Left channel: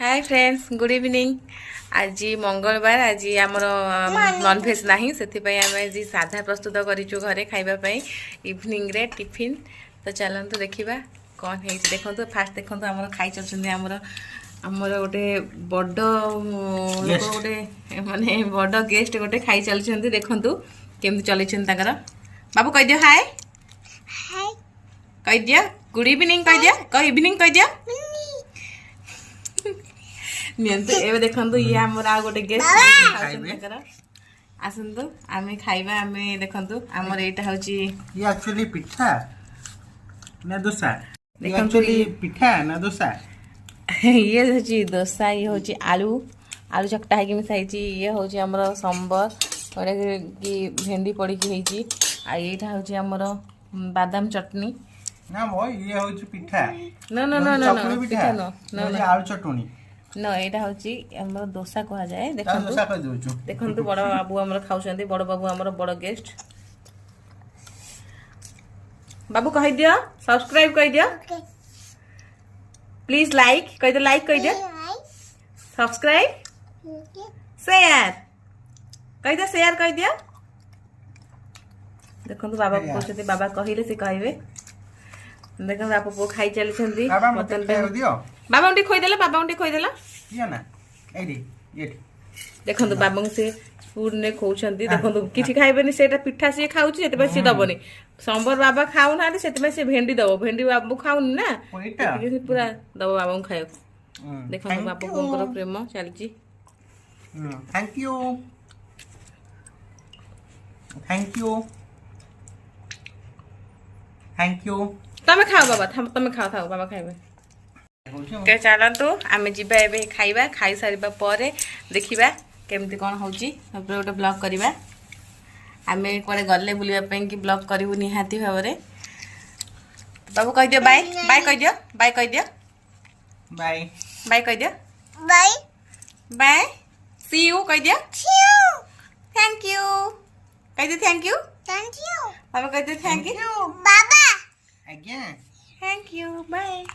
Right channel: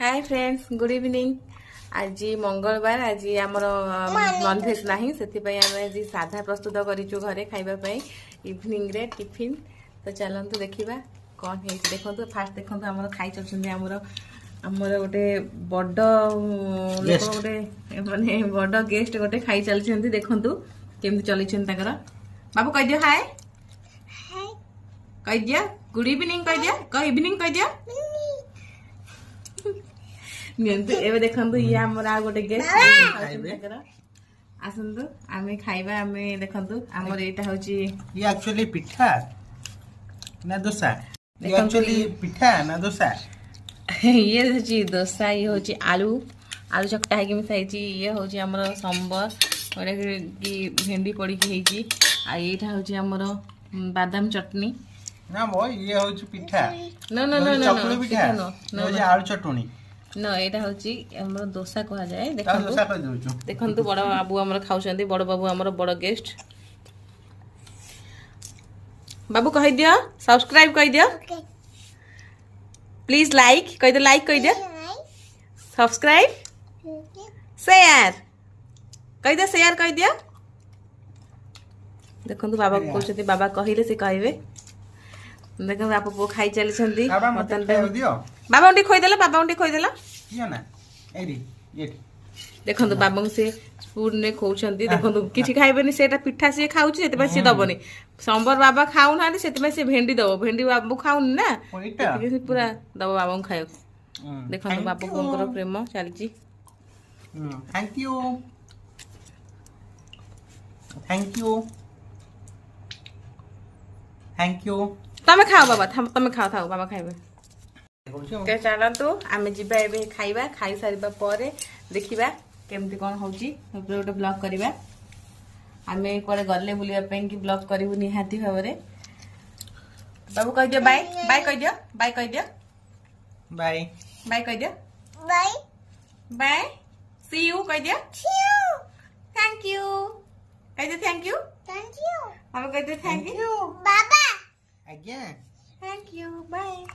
Hi friends good evening. आज मंगलवार आज आमर नॉनभेज नहीं से आम आज साधा प्रस्तुत करूँ घरे खावाई इवनिंग रे टिफिन। तो चलतु देखा कौन है देखो फास्ट देखो आम खाई चलते आमर गोटे बड़ लोक गोटे माने बड़ गेस्ट गोटे खाई चलते देखु केमती चल बाबू कह दियो हाय कह दियो गुड इवनिंग कह दियो कह इवनिंग कह दियो नियंतु एबे देखंतु ये हमर आ गोटे गेस्ट आसंतु आमे खाइबा आमे देखंतु हमर एटा होची ये एक्चुअली पिठा ना डोसा ये एक्चुअली पिठा ना डोसा ये होची डोसा ये होची आलू आलू चकटा है कि मिसाइची ये होची हमर सांबर ओरे की भेंडी पड़ी की हेची आ एटा होची हमर बादाम चटनी ना मो ये होची पिठा नो नो नो नो पिठा नो ये आलू चटनी न एटा होची हमर डोसा कहा जाए देखंतु बड़ बाबू हमर खाउछंती बड़ बाबू हमर बड़ गेस्ट बाबू कह दियो सब्सक्राइब कह दियो प्लीज लाइक कह दे लाइक कह दियो सब्सक्राइब शेयर कह दे शेयर कह दियो देखंतु बाबा को कहछंती बाबा कहिले से कहबे देखो आप पो खाई चली बाबा उठी खोई देला बाबा उठी खोई देला किया ना एडी ये देखो बाबा से स्पून ने खोउछंती देखो किछि खाइबेनी सेटा पिठा से खाउछि सेते पर से दबनी सांबर बाबा खाउ ना सेते पर से भेंडी दबो भेंडी बाबू खाउन ना से पूरा दबो बाबा खाइ देखो बाबू कोंकर प्रेम चलछि thank you thank you thank you तमे खाओ बाबा तमे खाओ खाओ बाबा खाइबे के चलतु आमे जिबा एबे खाइबा खाई सारिबा परे देखिबा केमती कोन होची सबरे गोटे ब्लॉग करिबा आमे कोरे गल्ले बुलिबा पें कि ब्लॉग करिवु निहाती भाबरे बाबू कह दियो बाय बाय कह दियो बाय कह दियो बाय बाय कह दियो बाय बाय सी यू कह दियो थैंक यू कह दियो थैंक यू बाबा कह दियो thank you again thank you bye.